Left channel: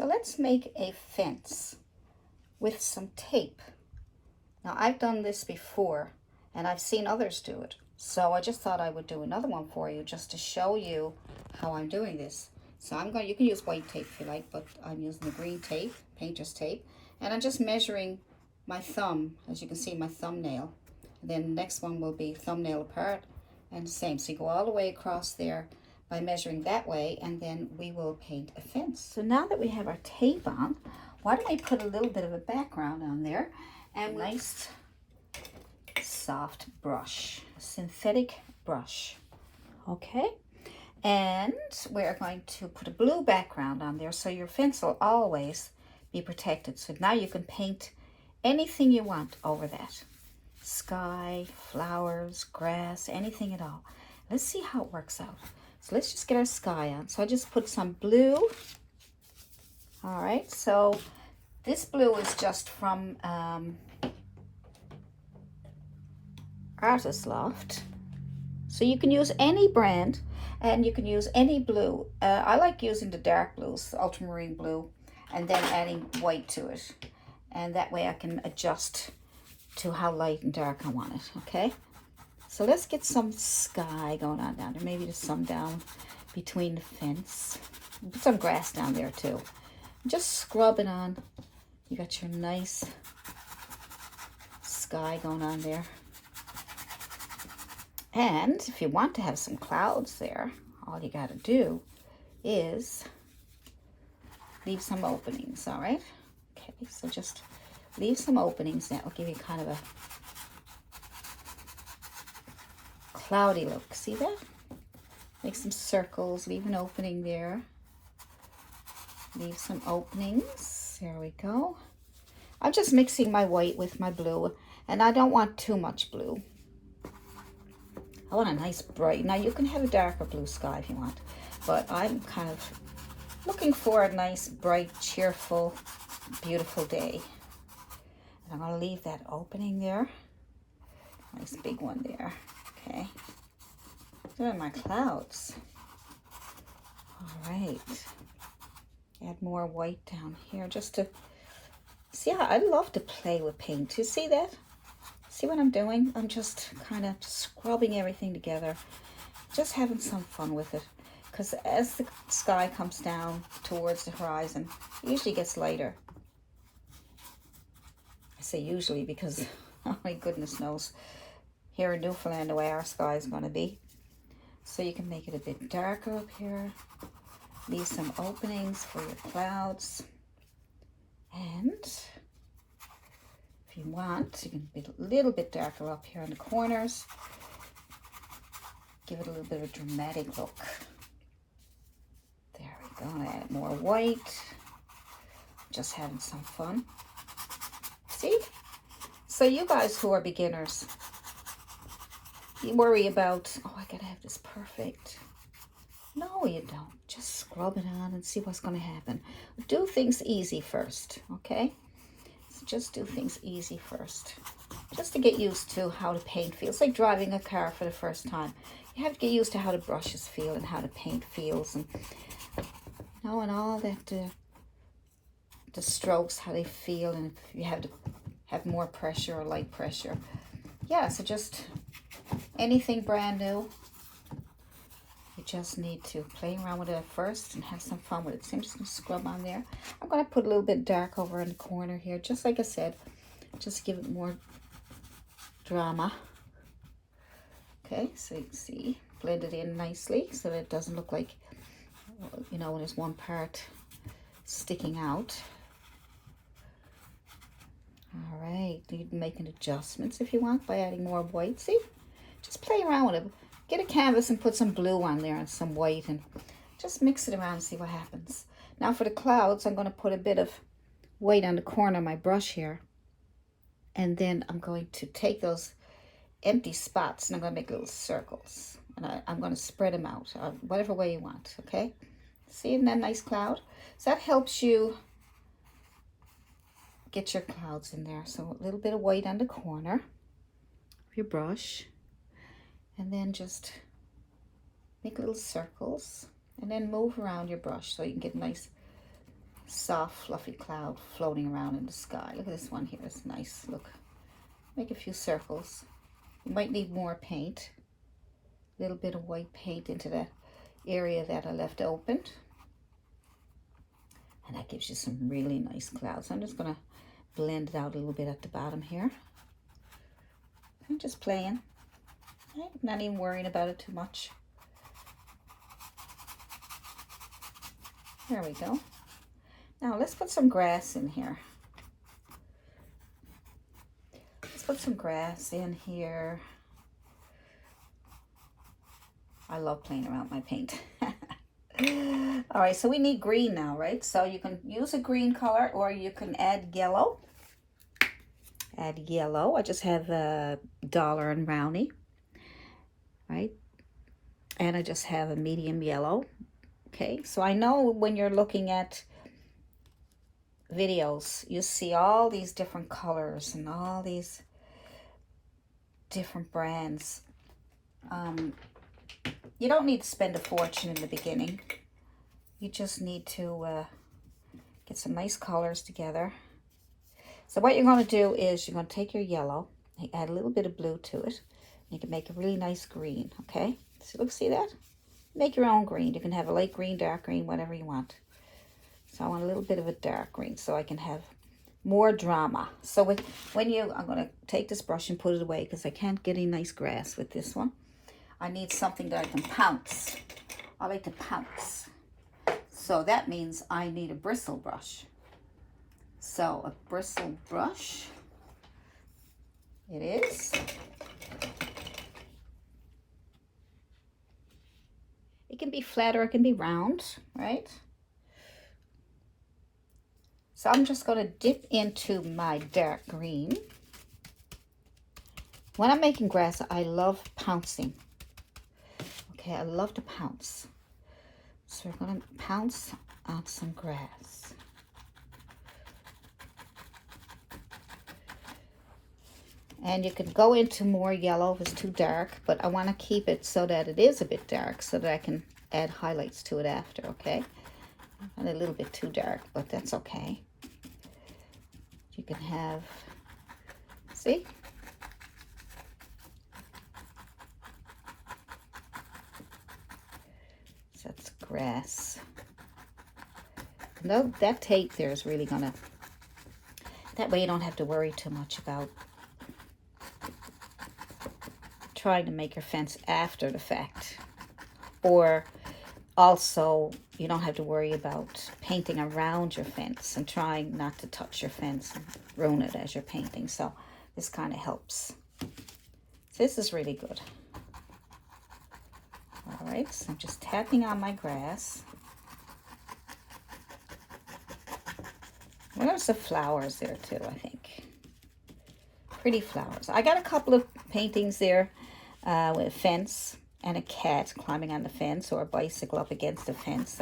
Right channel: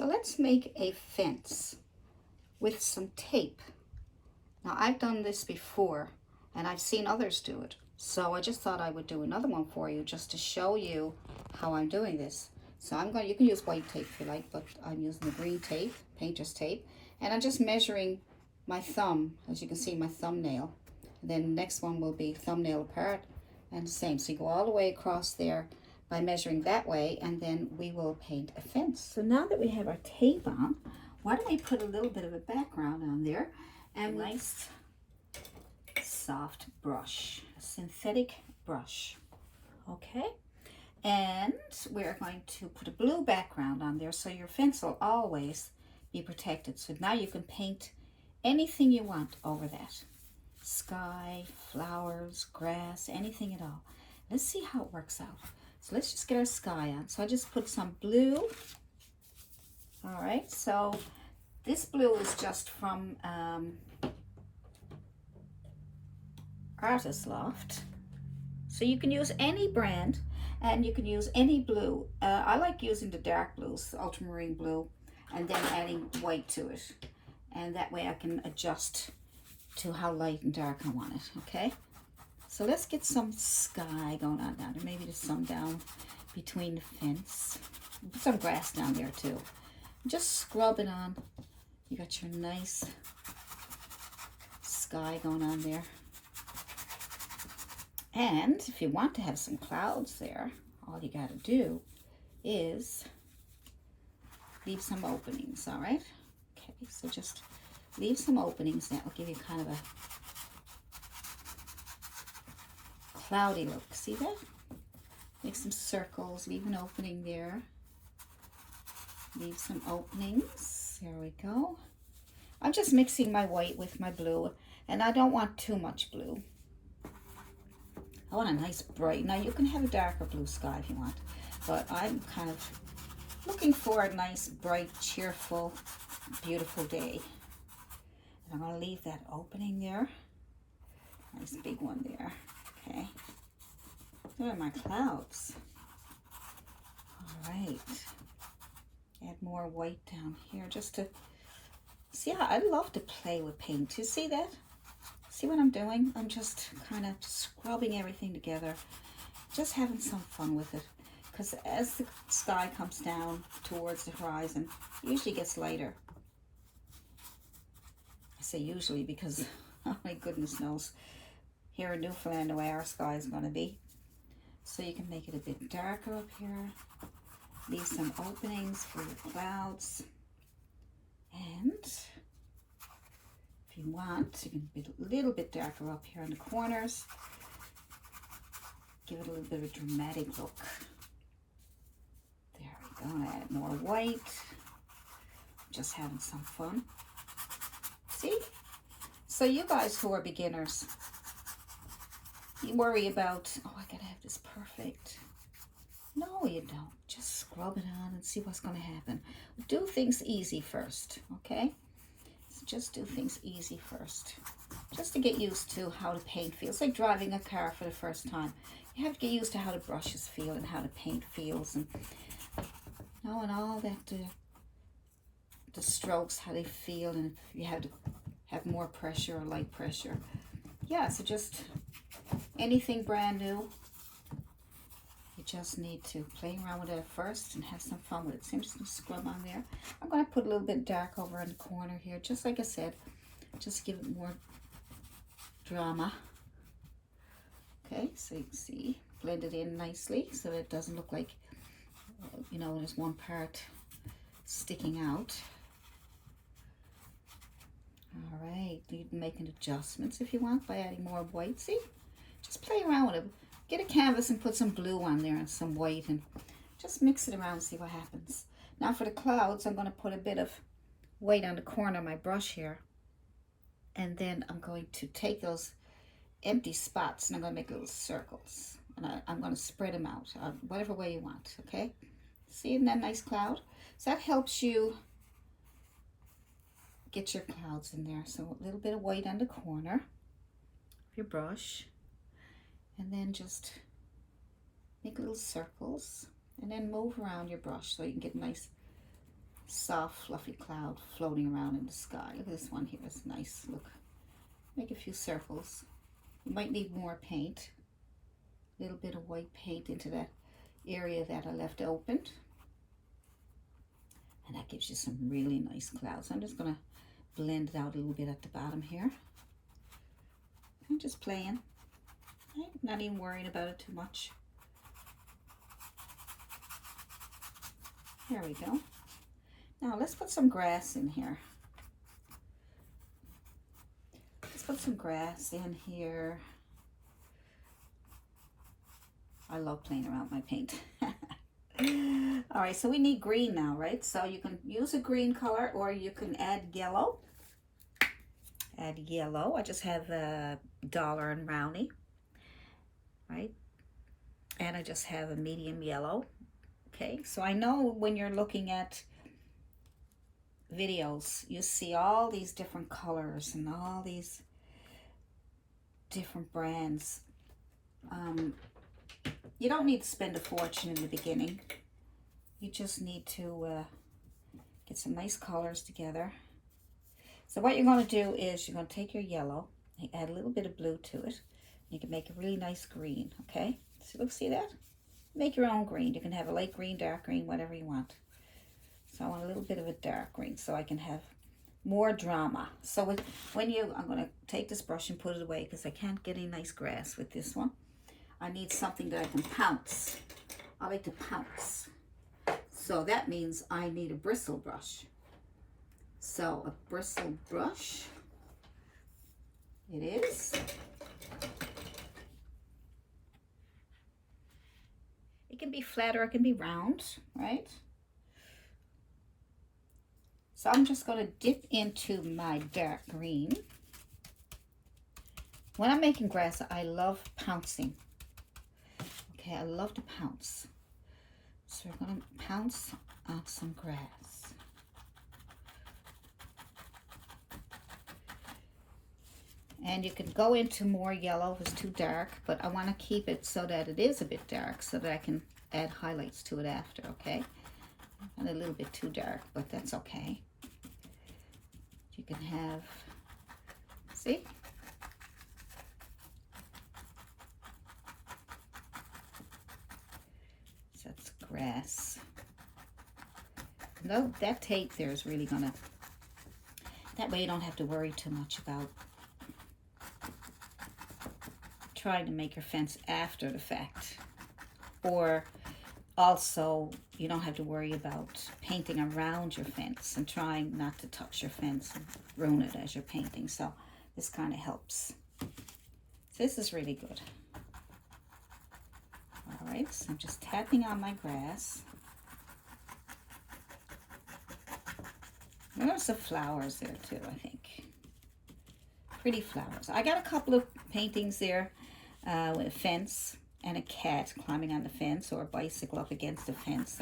So let's make a fence with some tape. Now I've done this before and I've seen others do it. So I just thought I would do another one for you just to show you how I'm doing this. So you can use white tape if you like, but I'm using the green tape, painter's tape. And I'm just measuring my thumb, as you can see, my thumbnail. And then the next one will be thumbnail apart and the same. So you go all the way across there by measuring that way, and then we will paint a fence. So now that we have our tape on, why don't we put a little bit of a background on there, and nice soft brush, a synthetic brush. Okay, and we're going to put a blue background on there so your fence will always be protected. So now you can paint anything you want over that. Sky, flowers, grass, anything at all. Let's see how it works out. So let's just get our sky on. So I just put some blue. All right, so this blue is just from Artist Loft. So you can use any brand and you can use any blue. I like using the dark blues, ultramarine blue, and then adding white to it. And that way I can adjust to how light and dark I want it, okay? So let's get some sky going on down there. Maybe there's some down between the fence. Put some grass down there too. Just scrub it on. You got your nice sky going on there. And if you want to have some clouds there, all you got to do is leave some openings, all right? Okay, so just leave some openings. That will give you kind of a cloudy look. See that? Make some circles, leave an opening there. Leave some openings. There we go. I'm just mixing my white with my blue, and I don't want too much blue. I want a nice bright, now you can have a darker blue sky if you want, but I'm kind of looking for a nice, bright, cheerful, beautiful day. And I'm going to leave that opening there. Nice big one there. Okay. There are my clouds. All right. Add more white down here just to see how I love to play with paint. You see that? See what I'm doing? I'm just kind of scrubbing everything together, just having some fun with it. Because as the sky comes down towards the horizon, it usually gets lighter. I say usually because, oh my goodness knows, here in Newfoundland the way our sky is going to be. So you can make it a bit darker up here. Leave some openings for your clouds. And if you want, you can be a little bit darker up here in the corners. Give it a little bit of a dramatic look. There we go. Add more white. Just having some fun. See? So you guys who are beginners, you worry about, oh, I gotta have this perfect. No, you don't. Just scrub it on and see what's going to happen. Do things easy first, okay? So just do things easy first. Just to get used to how the paint feels. It's like driving a car for the first time. You have to get used to how the brushes feel and how the paint feels, and knowing all that the strokes, how they feel, and if you have to have more pressure or light pressure. Yeah, so just anything brand new. You just need to play around with it at first and have some fun with it. So I'm just going to scrub on there. I'm going to put a little bit dark over in the corner here, just like I said, just to give it more drama. Okay, so you can see, blend it in nicely so that it doesn't look like, you know, when there's one part sticking out. All right, you can make adjustments if you want by adding more white. See, just play around with it. Get a canvas and put some blue on there and some white and just mix it around and see what happens. Now for the clouds, I'm going to put a bit of white on the corner of my brush here. And then I'm going to take those empty spots and I'm going to make little circles. And I'm going to spread them out, whatever way you want, okay? See, isn't that a nice cloud? So that helps you get your clouds in there. So a little bit of white on the corner of your brush. And then just make little circles and then move around your brush so you can get nice soft fluffy cloud floating around in the sky. Look at this one here, it's nice. Look, make a few circles. You might need more paint, a little bit of white paint into that area that I left opened, and that gives you some really nice clouds. I'm just going to blend it out a little bit at the bottom here. I'm just playing, I'm not even worrying about it too much. There we go. Now let's put some grass in here. Let's put some grass in here. I love playing around with my paint. All right, so we need green now, right? So you can use a green color or you can add yellow. Add yellow. I just have a dollar and roundy, right? And I just have a medium yellow. Okay, so I know when you're looking at videos, you see all these different colors and all these different brands. You don't need to spend a fortune in the beginning. You just need to get some nice colors together. So what you're going to do is you're going to take your yellow, add a little bit of blue to it. You can make a really nice green, okay? So look, see that? Make your own green. You can have a light green, dark green, whatever you want. So I want a little bit of a dark green so I can have more drama. So I'm going to take this brush and put it away because I can't get any nice grass with this one. I need something that I can pounce. I like to pounce. So that means I need a bristle brush. So a bristle brush, it is. It can be flat or it can be round, right? So I'm just going to dip into my dark green. When I'm making grass, I love pouncing. Okay, I love to pounce. So we're going to pounce on some grass. And you can go into more yellow if it's too dark, but I want to keep it so that it is a bit dark so that I can add highlights to it after, okay? And a little bit too dark, but that's okay. You can have, see? So that's grass. No, that tape there is really gonna, that way you don't have to worry too much about trying to make your fence after the fact. Or also, you don't have to worry about painting around your fence and trying not to touch your fence and ruin it as you're painting. So this kind of helps. So this is really good. All right, so I'm just tapping on my grass. And there's some flowers there too, I think. Pretty flowers. I got a couple of paintings there with a fence and a cat climbing on the fence or a bicycle up against the fence.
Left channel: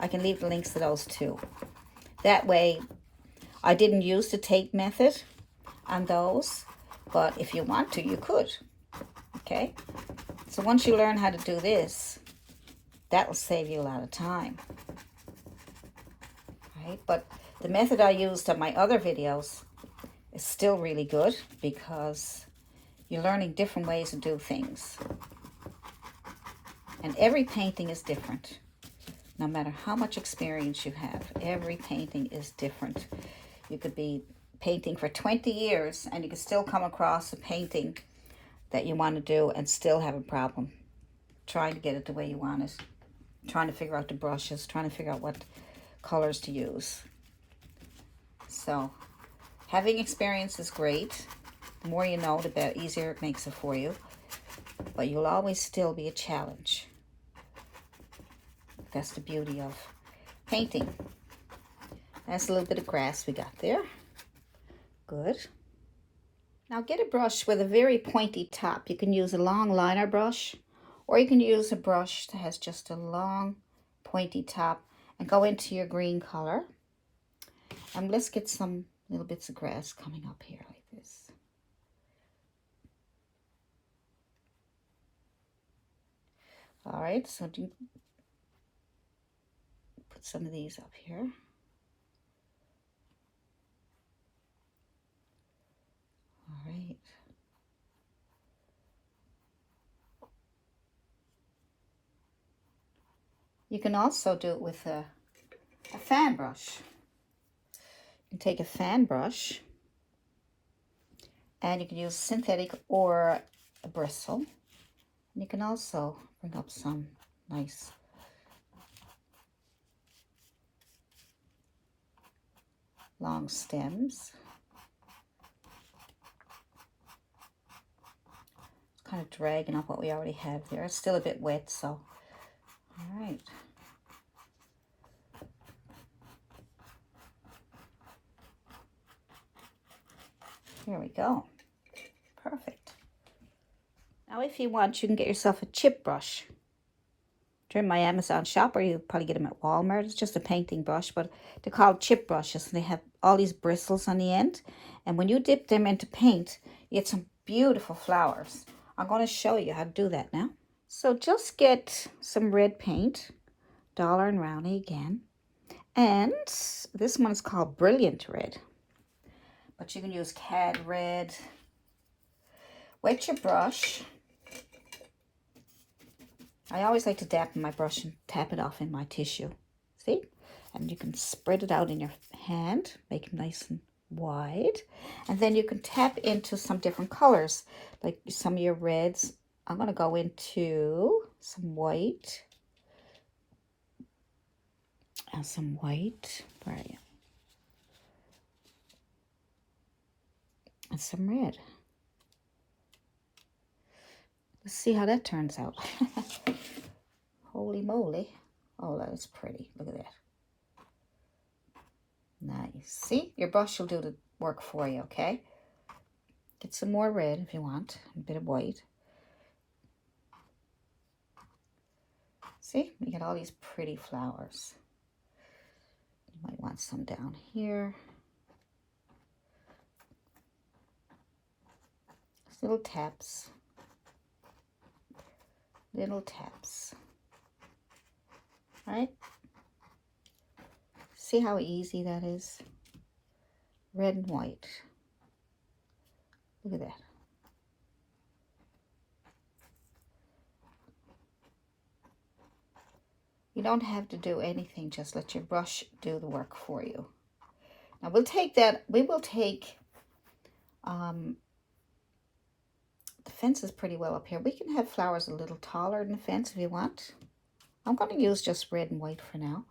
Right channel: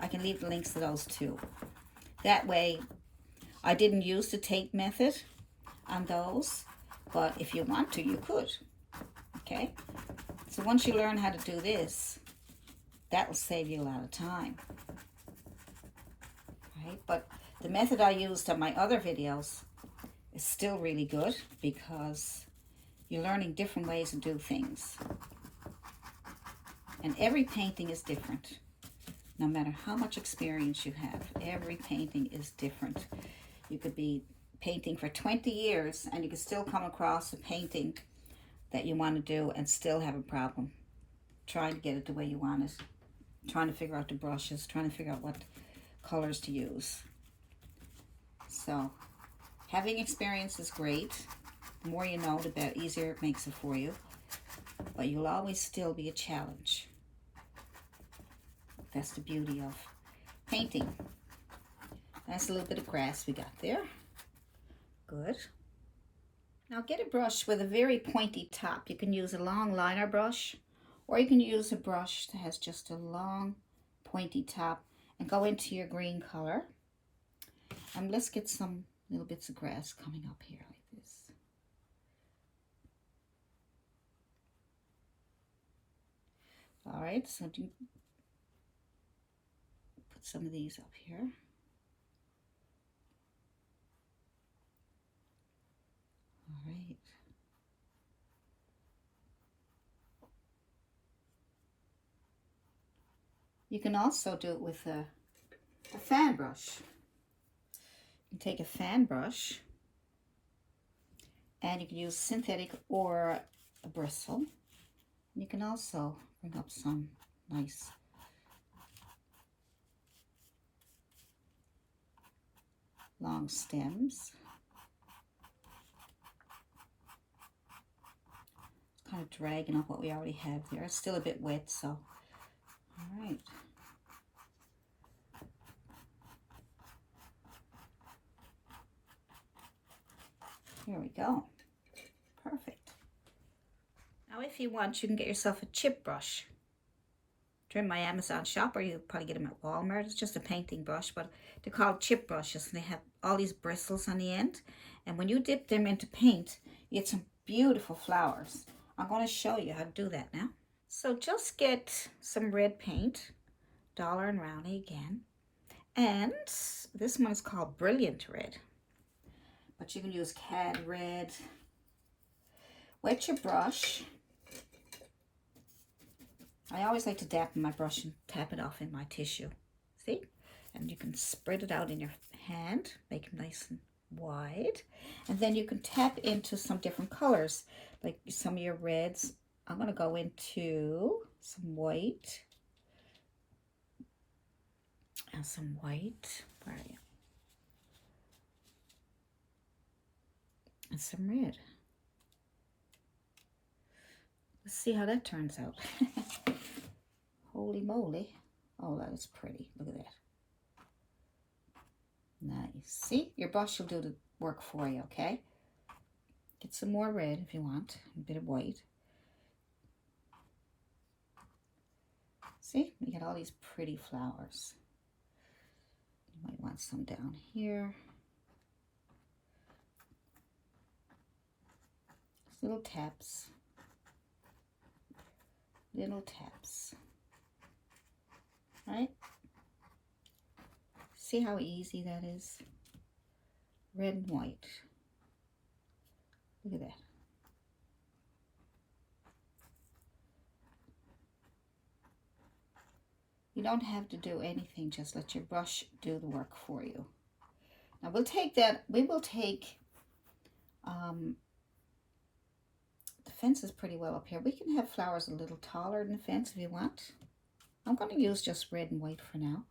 I can leave the links to those too. That way, I didn't use the tape method on those, but if you want to, you could. Okay? So once you learn how to do this, that will save you a lot of time. Right? But the method I used on my other videos is still really good because you're learning different ways to do things. And every painting is different. No matter how much experience you have, every painting is different. You could be painting for 20 years and you could still come across a painting that you want to do and still have a problem trying to get it the way you want it, trying to figure out the brushes, trying to figure out what colors to use. So having experience is great. The more you know, the better, easier it makes it for you. But you'll always still be a challenge. That's the beauty of painting. That's a little bit of grass we got there. Good. Now get a brush with a very pointy top. You can use a long liner brush, or you can use a brush that has just a long pointy top and go into your green color. And let's get some little bits of grass coming up here like this. All right, so do put some of these up here. You can also do it with a fan brush. You can take a fan brush, and you can use synthetic or a bristle. And you can also bring up some nice long stems. It's kind of dragging up what we already have there. It's still a bit wet, so all right. Here we go. Perfect. Now if you want, you can get yourself a chip brush. They're in my Amazon shop, or you probably get them at Walmart. It's just a painting brush, but they're called chip brushes, and they have all these bristles on the end. And when you dip them into paint, you get some beautiful flowers. I'm going to show you how to do that now. So just get some red paint, Dollar and Roundy again. And this one is called Brilliant Red. But you can use Cad Red. Wet your brush. I always like to dab my brush and tap it off in my tissue. See? And you can spread it out in your hand, make it nice and wide. And then you can tap into some different colors, like some of your reds. I'm going to go into some white. And some white. Where are you? And some red. Let's see how that turns out. Holy moly. Oh, that is pretty. Look at that. Nice. See? Your brush will do the work for you, okay? Get some more red if you want. A bit of white. See? You get all these pretty flowers. You might want some down here. Just little taps. Little taps. Right? See how easy that is? Red and white. Look at that. You don't have to do anything, just let your brush do the work for you. Now we'll take that, we will take, the fence is pretty well up here. We can have flowers a little taller than the fence if you want. I'm going to use just red and white for now.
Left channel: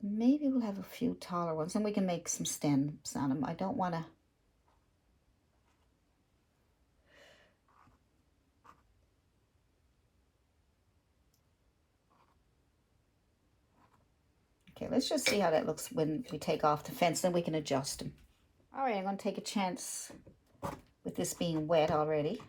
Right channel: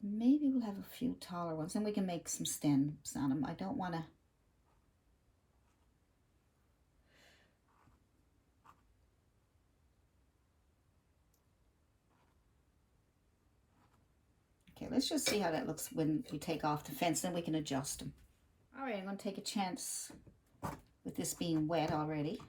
Maybe we'll have a few taller ones, and we can make some stems on them. I don't want to. Okay, let's just see how that looks when we take off the fence, then we can adjust them. All right, I'm going to take a chance with this being wet already.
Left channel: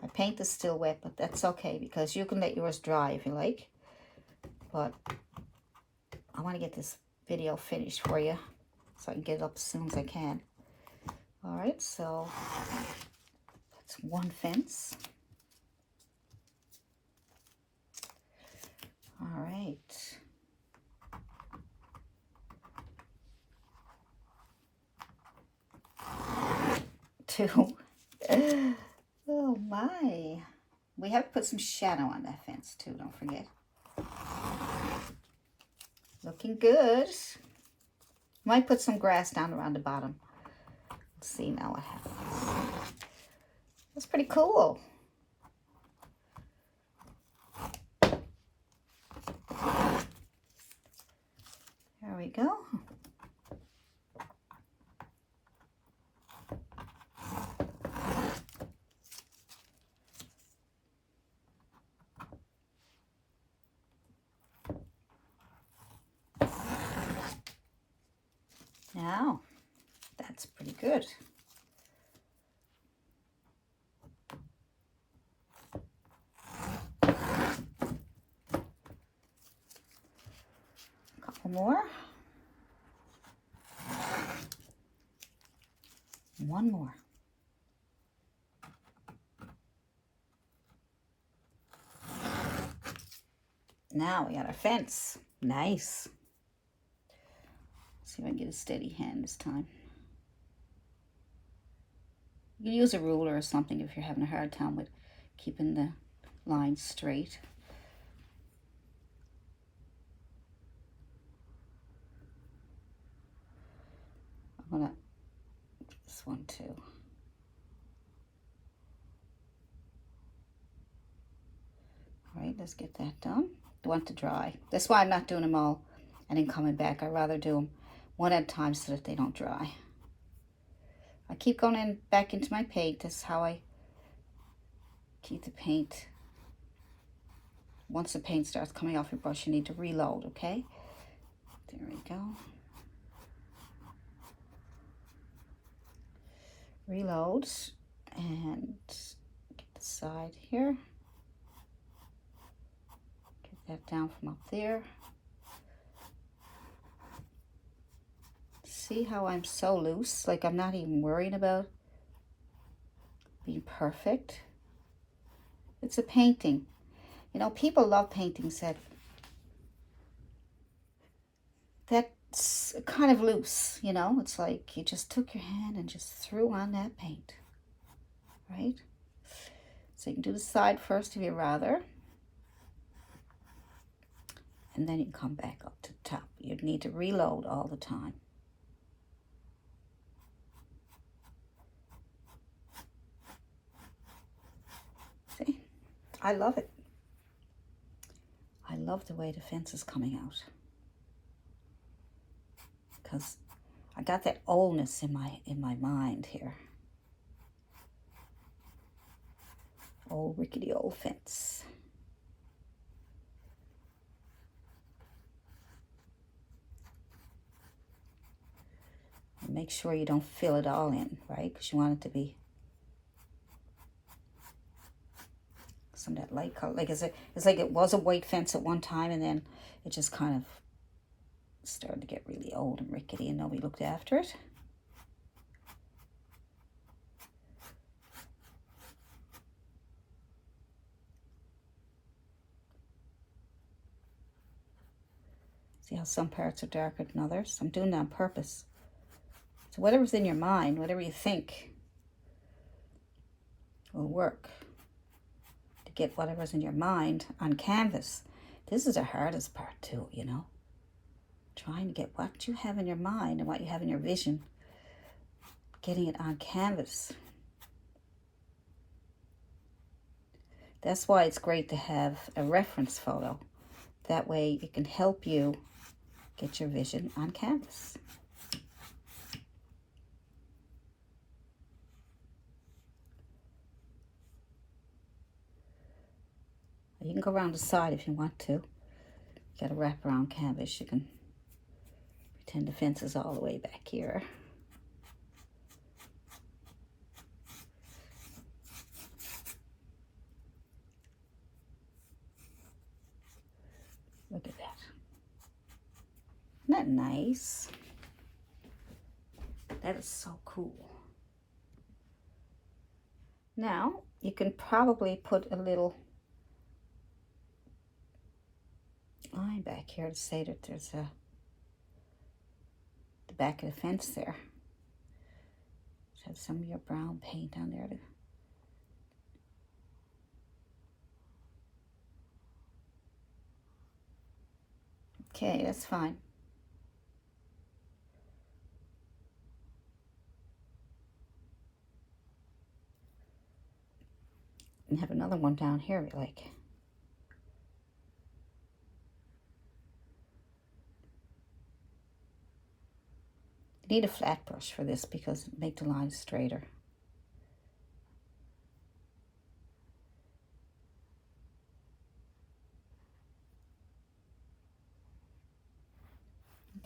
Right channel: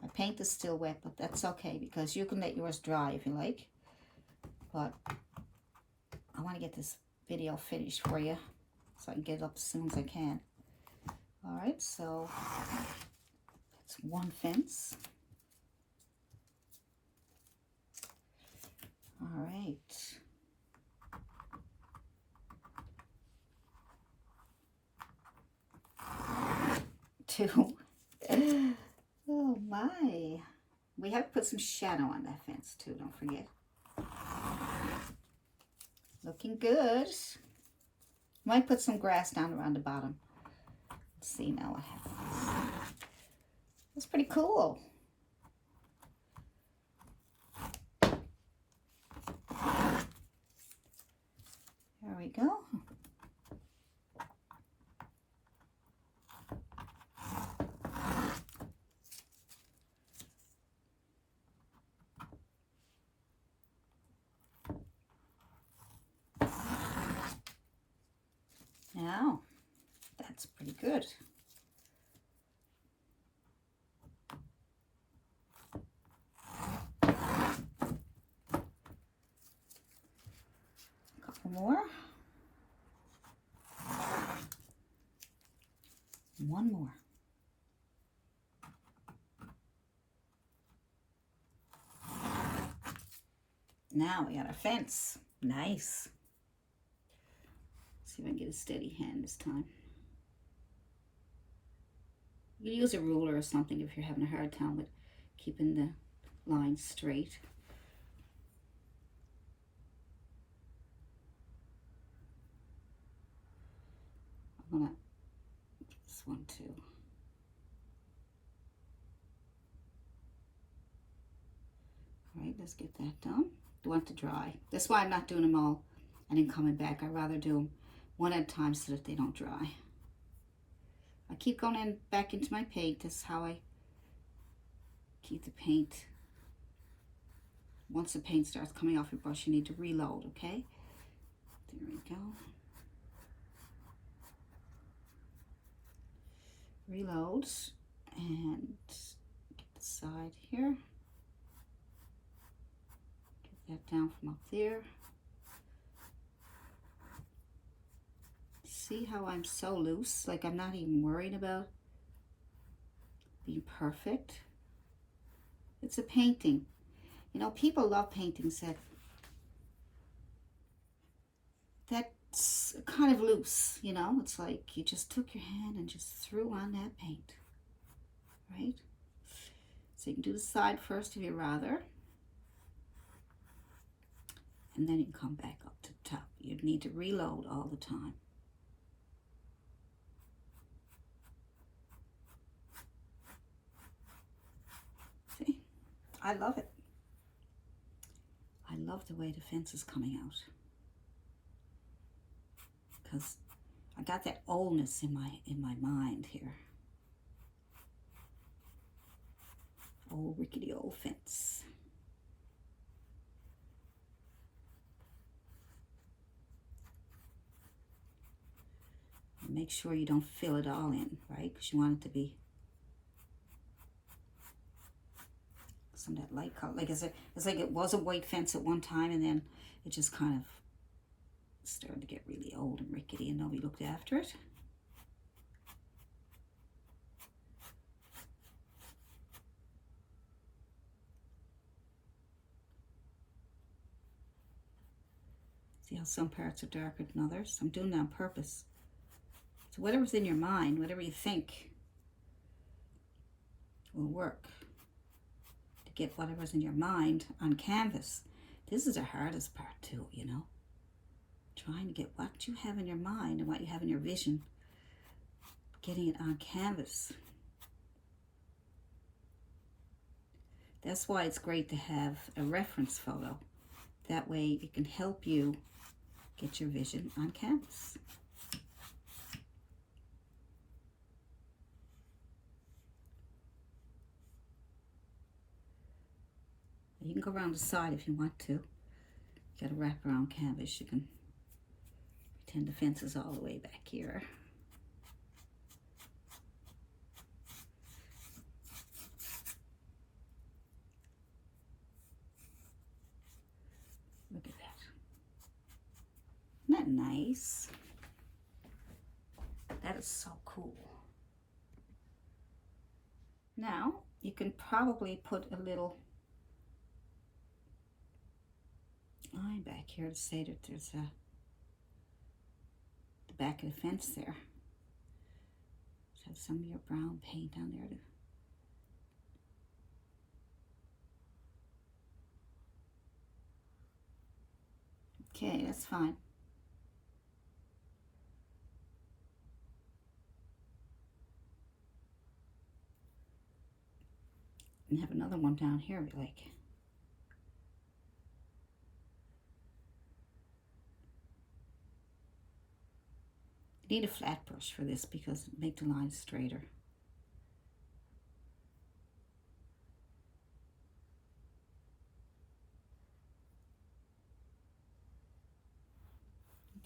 My paint is still wet, but that's okay because you can let yours dry if you like. But I want to get this video finished for you so I can get it up as soon as I can. All right, so that's one fence. All right. Two. Oh my. We have to put some shadow on that fence too, don't forget. Looking good. Might put some grass down around the bottom. Let's see now what happens. That's pretty cool. There we go. Now, that's pretty good. A couple more. One more. Now we got our fence. Nice. See if I can get a steady hand this time. You can use a ruler or something if you're having a hard time with keeping the line straight. I want to do this one too. All right, let's get that done. I want to dry. That's why I'm not doing them all and then coming back. I'd rather do them one at a time so that they don't dry. I keep going in back into my paint. That's how I keep the paint. Once the paint starts coming off your brush, you need to reload, okay? There we go. Reload and get the side here. Get that down from up there. See how I'm so loose? Like I'm not even worrying about being perfect. It's a painting. You know, people love paintings that's kind of loose, you know? It's like you just took your hand and just threw on that paint, right? So you can do the side first if you'd rather. And then you can come back up to the top. You need to reload all the time. See? I love it. I love the way the fence is coming out. Because I got that oldness in my mind here. Old rickety old fence. And make sure you don't fill it all in, right? Because you want it to be some of that light color. Like it's like it was a white fence at one time, and then it just kind of started to get really old and rickety, and nobody looked after it. See how some parts are darker than others? I'm doing that on purpose. So whatever's in your mind, whatever you think will work to get whatever's in your mind on canvas. This is the hardest part too, you know? Trying to get what you have in your mind and what you have in your vision, getting it on canvas. That's why it's great to have a reference photo. That way it can help you get your vision on canvas. You can go around the side if you want to. You got to wrap around canvas. You can pretend the fence is all the way back here. Look at that. Isn't that nice? That is so cool. Now, you can probably put a little line back here to say that there's the back of the fence there. Just have some of your brown paint on there. Okay, that's fine. And have another one down here we like. You need a flat brush for this because it makes the line straighter.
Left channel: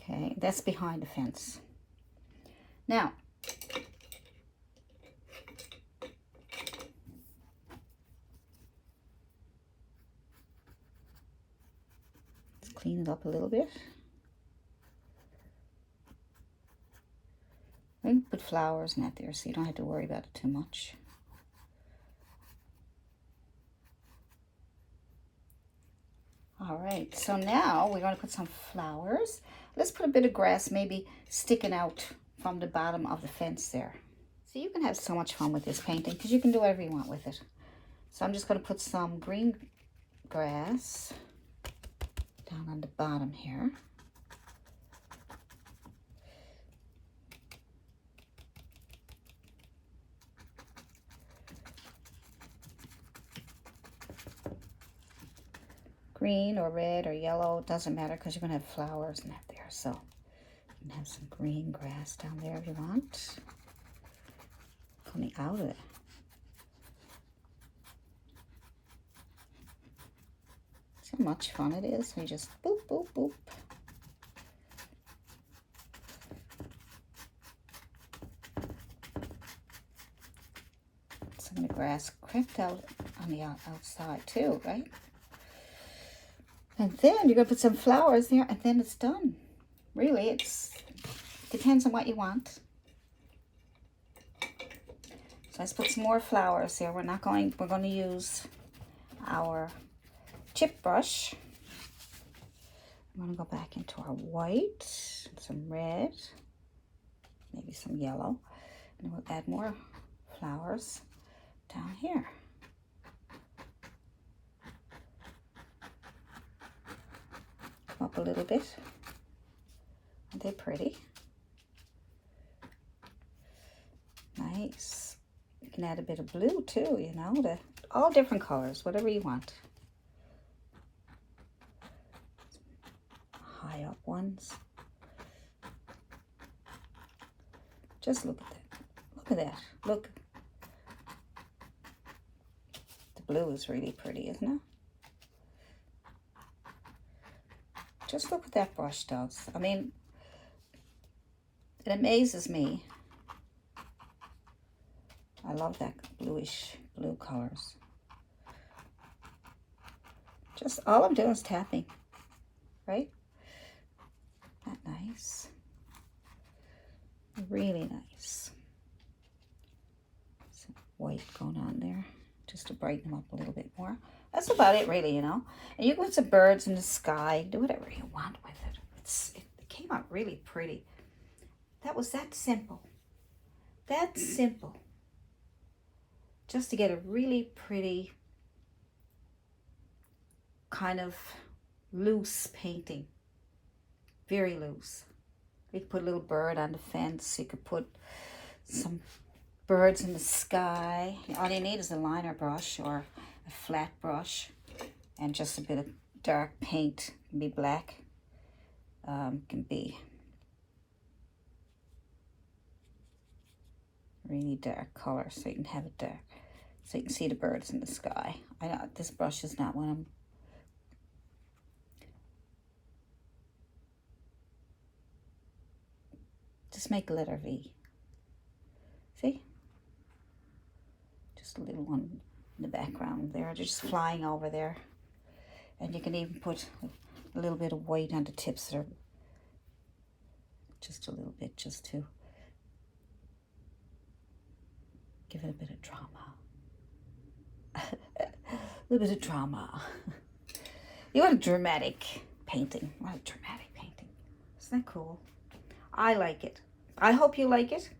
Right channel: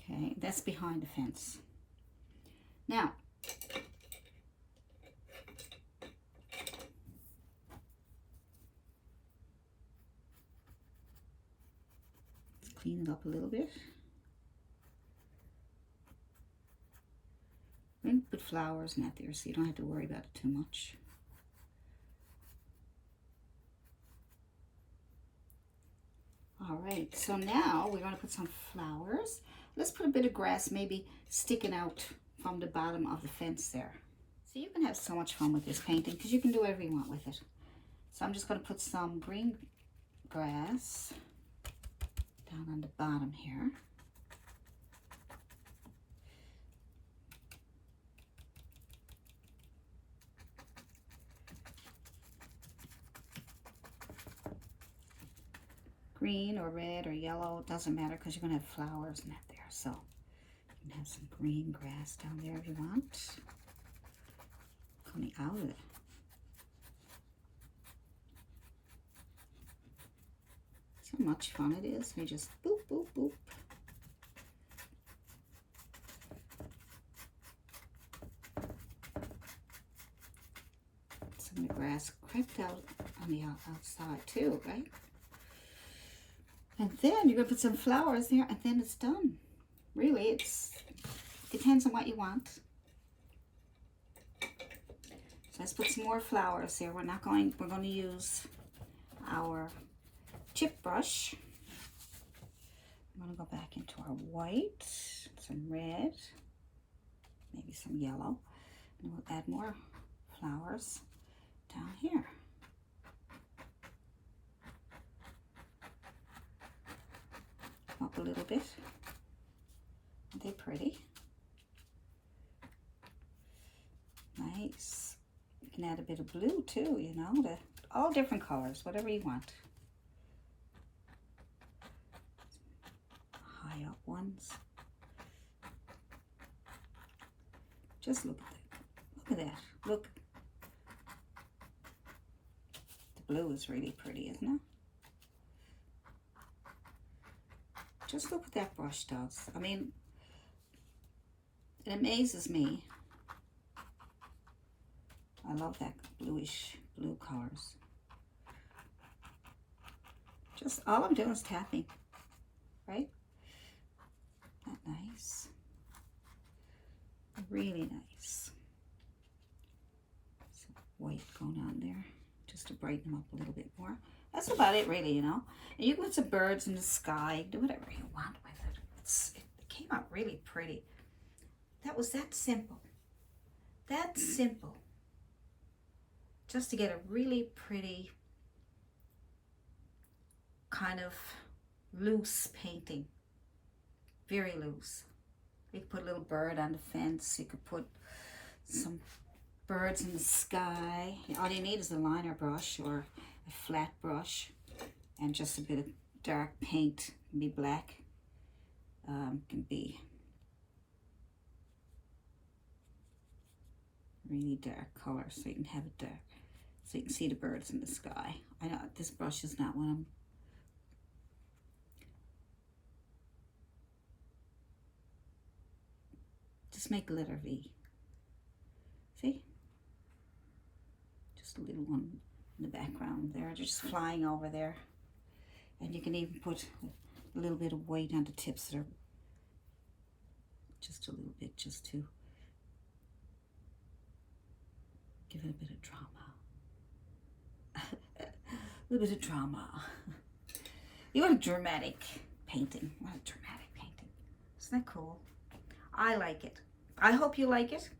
Okay, that's behind the fence. Now, let's clean it up a little bit. And put flowers in that there so you don't have to worry about it too much. All right, so now we're going to put some flowers. Let's put a bit of grass maybe sticking out from the bottom of the fence there. So you can have so much fun with this painting because you can do whatever you want with it. So I'm just going to put some green grass down on the bottom here. green or red or yellow, it doesn't matter because you're going to have flowers in that there. So you can have some green grass down there if you want. Coming out of it. See how much fun it is? We just boop, boop, boop. Some of the grass crimped out on the outside too, right? And then you're going to put some flowers there, and then it's done. Really, it's depends on what you want. So let's put some more flowers here. We're going to use our chip brush. I'm going to go back into our white, some red, maybe some yellow, and we'll add more flowers down here. Up a little bit. Aren't they pretty? Nice. You can add a bit of blue too, you know, all different colors, whatever you want. High up ones. Just look at that. Look at that. Look. The blue is really pretty, isn't it? Just look what that brush does. I mean, it amazes me. I love that bluish blue colors. Just all I'm doing is tapping, right? That nice. Really nice. Some white going on there just to brighten them up a little bit more. That's about it, really, you know. And you can put some birds in the sky. Do whatever you want with it. It came out really pretty. That was that simple. That simple. Just to get a really pretty kind of loose painting. Very loose. You could put a little bird on the fence. You could put some birds in the sky. All you need is a liner brush or a flat brush and just a bit of dark paint. It can be black, can be really dark color, so you can have it dark, so you can see the birds in the sky. I know this brush is not one of them. Just make a letter V. See? Just a little one in the background there, just flying over there. And you can even put a little bit of white on the tips that are just a little bit, just to give it a bit of drama. A little bit of drama. You want a dramatic painting. You want a dramatic painting. Isn't that cool? I like it. I hope you like it.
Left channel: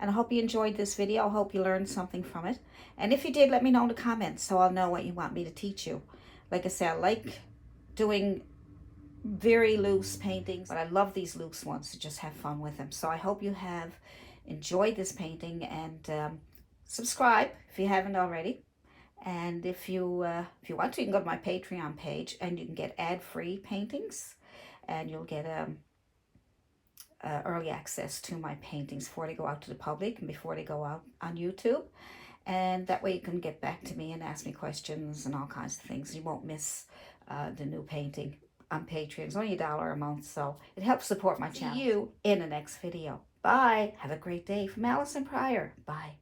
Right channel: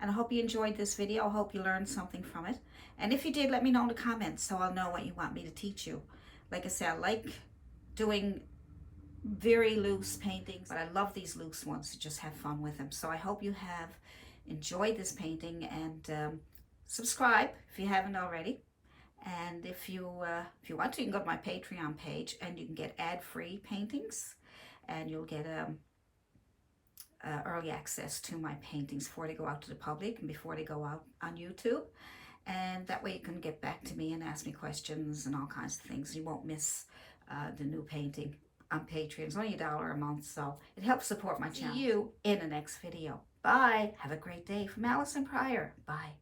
And I hope you enjoyed this video. I hope you learned something from it. And if you did, let me know in the comments so I'll know what you want me to teach you. Like I said, I like doing very loose paintings, but I love these loose ones to just have fun with them. So I hope you have enjoyed this painting, and subscribe if you haven't already. And if you want to, you can go to my Patreon page and you can get ad-free paintings, and you'll get early access to my paintings before they go out to the public and before they go out on YouTube. And that way you can get back to me and ask me questions and all kinds of things. You won't miss the new painting on Patreon. It's only $1 a month, so it helps support my channel. See you in the next video. Bye. Have a great day. From Alison Pryor. Bye.